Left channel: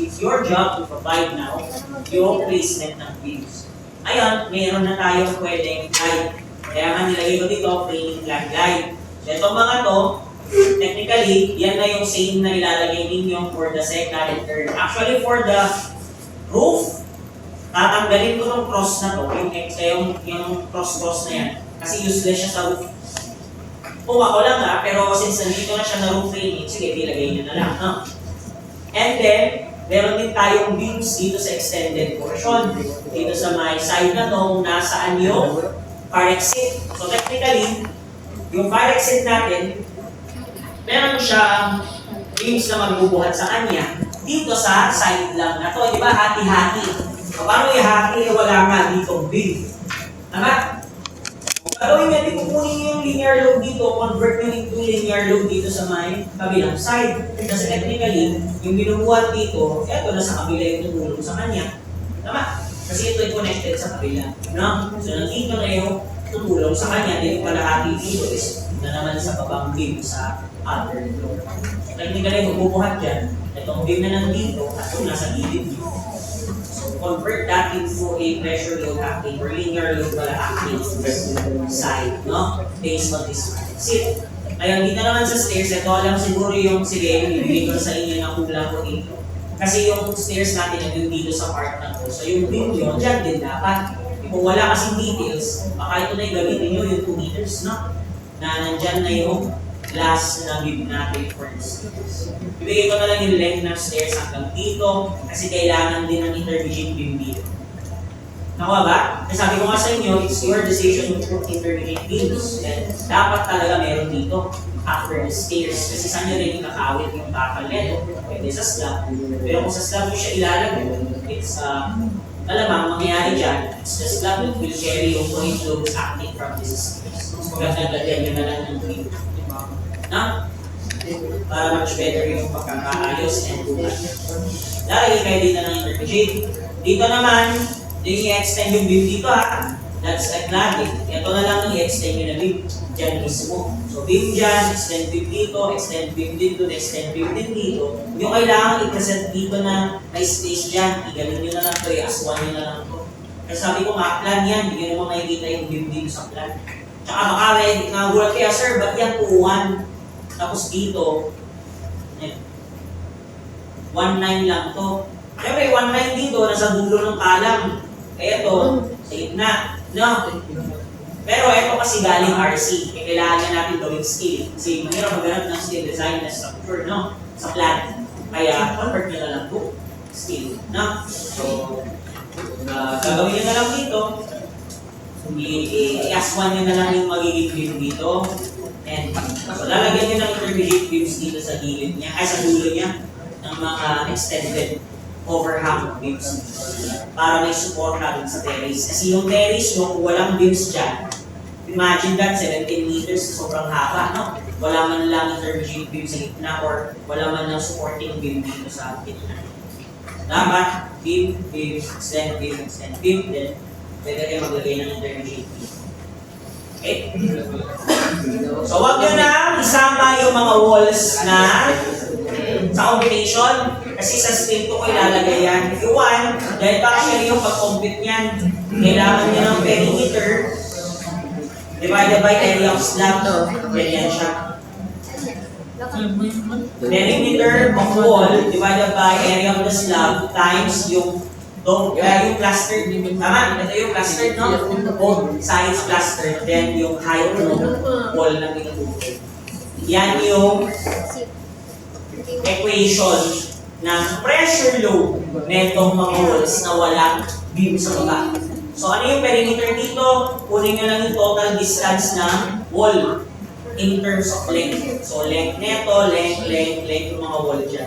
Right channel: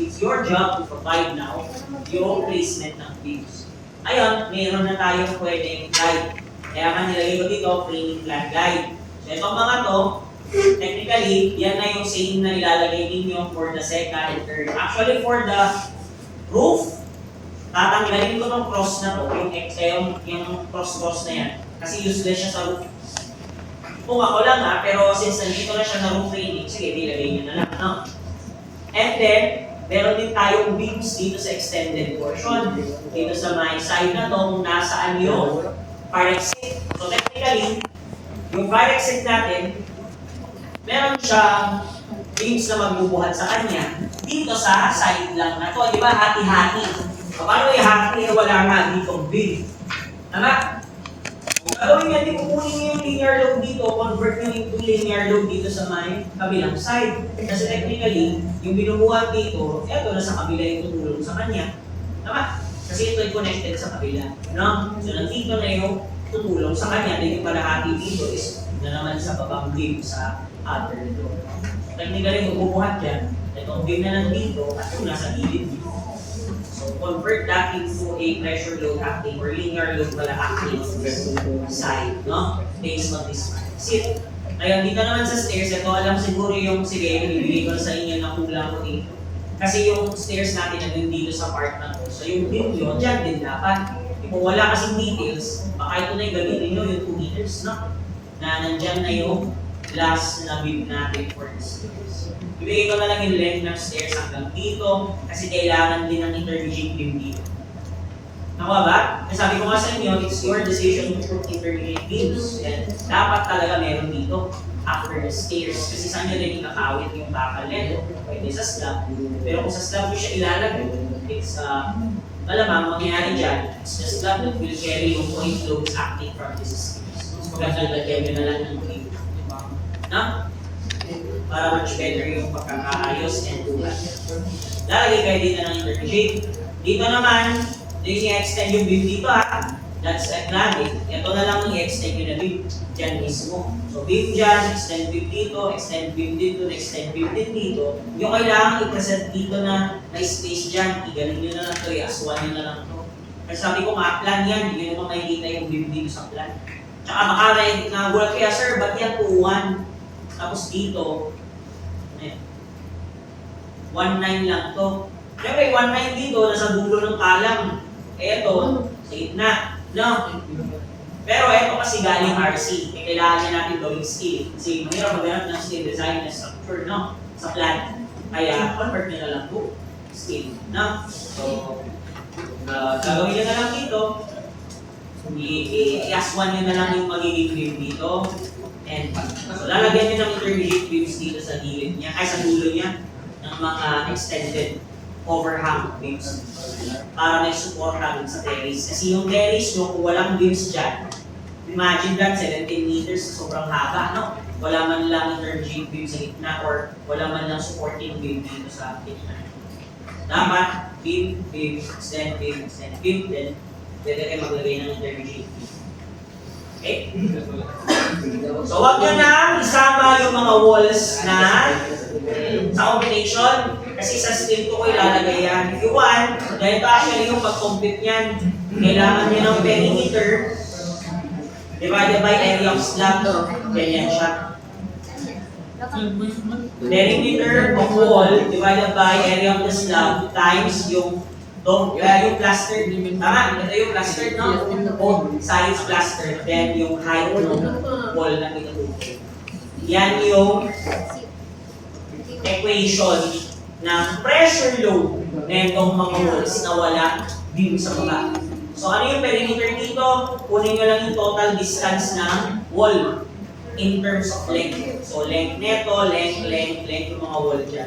It's your job to provide now yung placement ng beams. Ayun, mayroon na tayong pwedeng guide. Kaya nga nilagay ko dito, framing plan guide. So itong mga to, technically, yan na yung same na ilalagay ninyo for the second and third. Actually, for the roof, tatanggalin ko tong cross na to, yung cross na yan. Kasi useless siya sa roof. Kung ako lang pero since nandito na siya na roof framing, sige, ilagay nyo na lang. No? And then, meron din tayong beams dito sa extended portion. Dito sa may side na to, kung nasaan yung fire exit. So technically, yung fire exit natin, meron siyang beams na magbubuhat sa kanya. Dito sa side lang na to, di ba? Hati-hati. So, paano yung hati? Wala nga ditong beam. Tama? Kung gagawin nga, di kukunin yung linear load dito, convert nyo into linear load dito sa may kabilang side. Kasi technically, yung binubuhat dito, eto na sa kabila yung tumulong sa kanya. Tama? Kasi ito ay connected sa kabila. No? So, nandito na yung tumulong sa kanya. Then yung kalahati dito is na naman sa babang beam sa other load. So, technically, magbubuhat yan. Itong beam na nandito at yung nasa gilid dito. So, convert that into a pressure load acting or linear load pala acting side, no? Based on this sit. Ayun, dito naman sa stairs, ito alam siguro yung sige, ibigay ko sa inyo na kulang ko dito. Kasi yung stairs natin nandun dito sa part na to. So yung beam yun, dyan din dapat. Kung wala kasing details, baka ito na yung gamitin nyo yung 2 meters, no? Na nandyan na yung last na beam natin for the stairs. Ibigay ko na lang yung length ng stairs hanggang dito kasi kailangan din ng intermediate beam dito. Nakuha ba? Kasi sabi ko nga sa inyo, it's your decision to put intermediate beams. And dapat talaga meron dito after the stairs. Kasi saan nyo rin yung nakawit yung bakal nito? Pwede sa slab. Pero kung sa slab mo siya ilalagay, it's malamang mangyayari dyan, it's the slab that will carry yung point loads acting from this stairs. Mas magandang lagyan nyo na lang ng beam. No? Para much better yung pagkakaayos and buhat. Lalagay kayo dito ng intermediate. Dito naman, i-extend yung beam dito That's like lagi. Ito na lang ang i-extend yung na beam. Diyan mismo. So beam dyan, extend beam dito, extend beam dito, extend beam din dito. Yung kailangan i-present dito na may space dyan, igaling nyo na lang ito, i-aswan nyo na lang ito. Kasi sabi ko plan yan, hindi nyo naman makikita yung beam dito sa plan. Tsaka baka nagulat kaya, sir, ba't yan 2-1? Tapos dito, 1.9 lang to. Siyempre, 1.9 dito, nasa dulo ng kalang. Kaya to, sa gitna. No? Pero ito kasi galing RC. Kailangan natin gawing scale. Kasi mahirap maghanap ng scale design na structure, no? Sa plan. Kaya, convert nyo na lang to scale. No? So, gagawin nyo na lang dito. I-aswan nyo na lang yung magiging beam dito. And so lalagyan nyo ng intermediate beams dito sa gilid niya, ay sa dulo niya, ng mga extended overhang beams para may support natin sa terrace. Kasi yung terrace nyo, kung walang beams dyan, imagine that, 17 meters, sobrang haba, no? Wala man lang intermediate beam sa gitna or wala man lang supporting beam dito sa gitna. Dapat, beam, extend beam, then pwede kayo maglagay ng intermediate beam. Okay? So, wag nyo na isama yung mga walls na sa combination. Kasi sa steel ko ilalagay yan. If you want, dahil actually yung pag-compute yan, kailangan nyo ng perimeter divided by area of slab. Ganyan siya. Perimeter of wall divided by area of the slab times yung plaster, tama? Ito yung plaster, no? Both sides plaster, then yung height ng wall na pinag-uwi. Yan yung equation ng pressure load na itong mga walls na wala beam sa baba. So ano yung perimeter dito? Kunin nyo lang yung total distance ng wall in terms of length. So length neto, length yung mga wall dyan.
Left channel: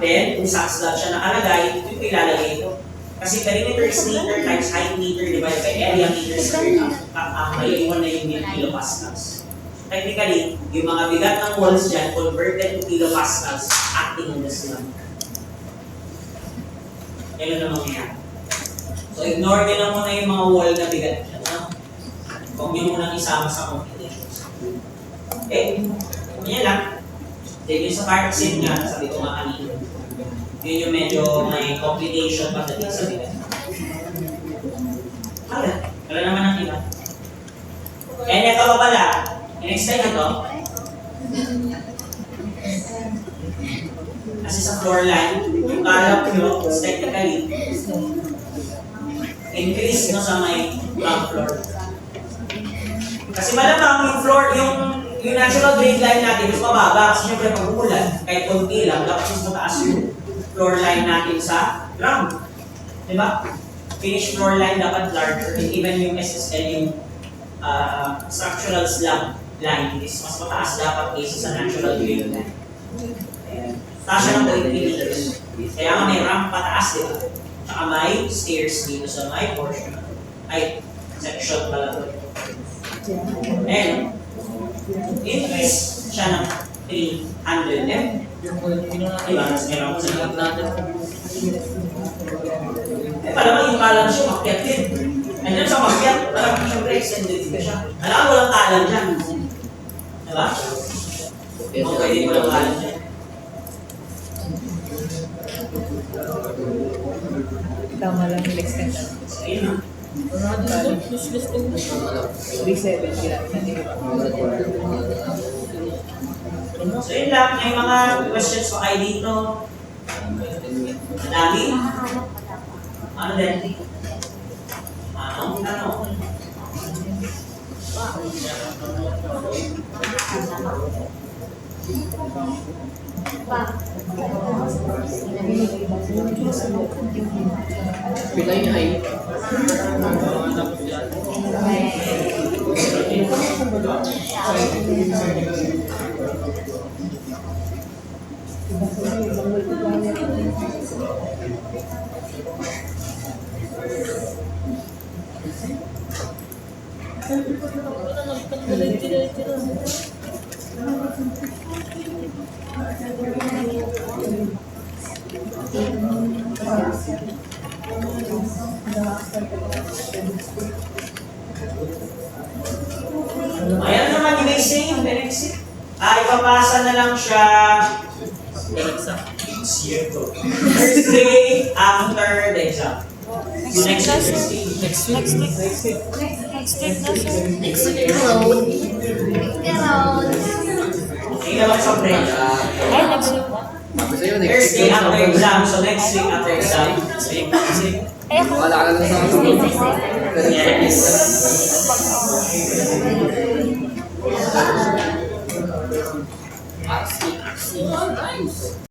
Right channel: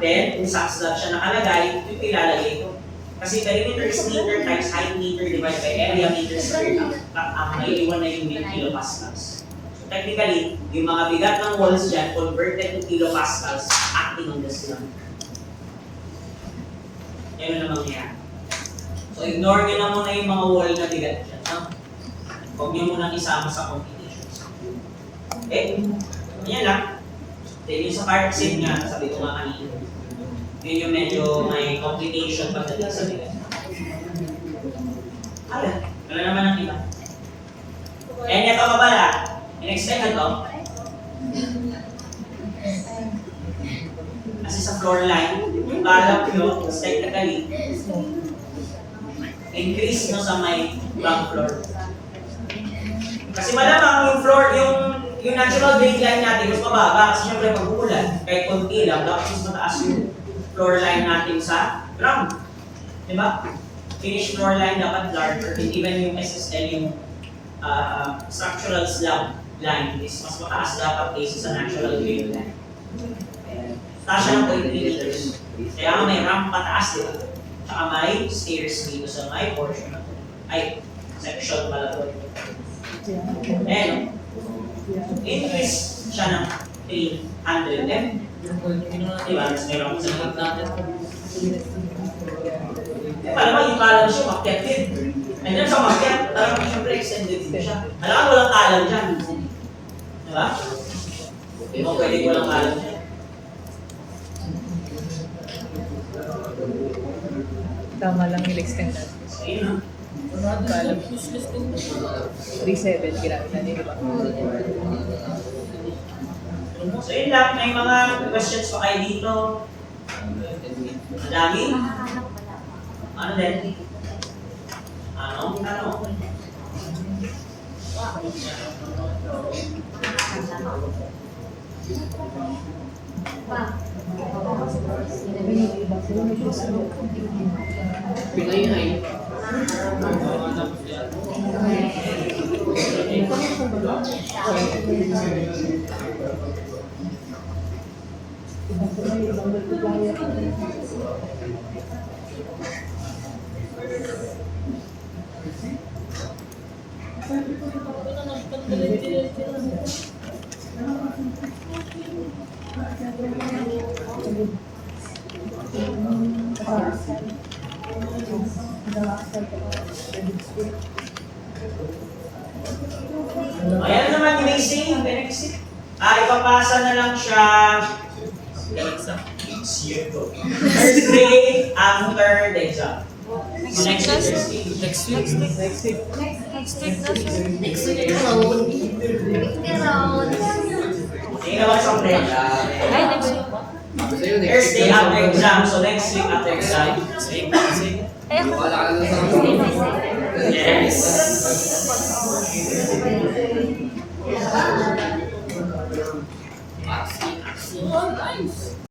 Then, kung sa slab siya nakalagay, yung ilalagay ito. Kasi perimeter is meter times height meter divided by area meter squared. Ang maiiwan na yung kilopascals. So technically, yung mga bigat ng walls dyan converted to kilopascals acting on the slab. Ganun na mangyayari. So ignore nyo na muna yung mga wall na bigat dyan. Huwag nyo munang isama sa combinations. Okay? Yan lang. Then yung sa part scene nga, sabi ko nga kanina. Yun yung medyo may complication pagdating sa nila. Wala naman ang iba. Kaya niya ka ba pala? In-explain na to? Kasi sa floor line, yung kalap nyo is technically increase no sa may ground floor. Kasi malamang yung floor, yung natural grade line natin mas mababa kasi syempre pag umulan, kahit konti lang, dapat mas mataas yung floor line natin sa ground. Diba? Finished floor line dapat larger, and even yung SSL, yung structural slab line is mas mataas dapat kaysa sa natural grade line. Taas siya ng 0.3 meters. Kaya nga may ramp pataas, di ba? Tsaka may stairs dito sa may portion. Ay, section pala doon. Ayan, increase siya ng 300 M. Diba? Mas meron sa natin. Parang yung kalan siya, makyat din. Ayun sa makyat, parang siyempre extended din siya. Alam mo, walang kalan dyan. Diba? Kung pwede walang kalan dyan. Tama lang yung extend. So, yun na. 3.7 ginamit na. So yun lang, may mga questions pa kayo dito. Madami. Ano din? Ano? Ayan naman yung basic, benefit. Ipapasa na lang siya Thursday after the exam. So next week. Next week Hindi naman sa French. Thursday after exam, so next week after exam. Wala ka na sa Yes.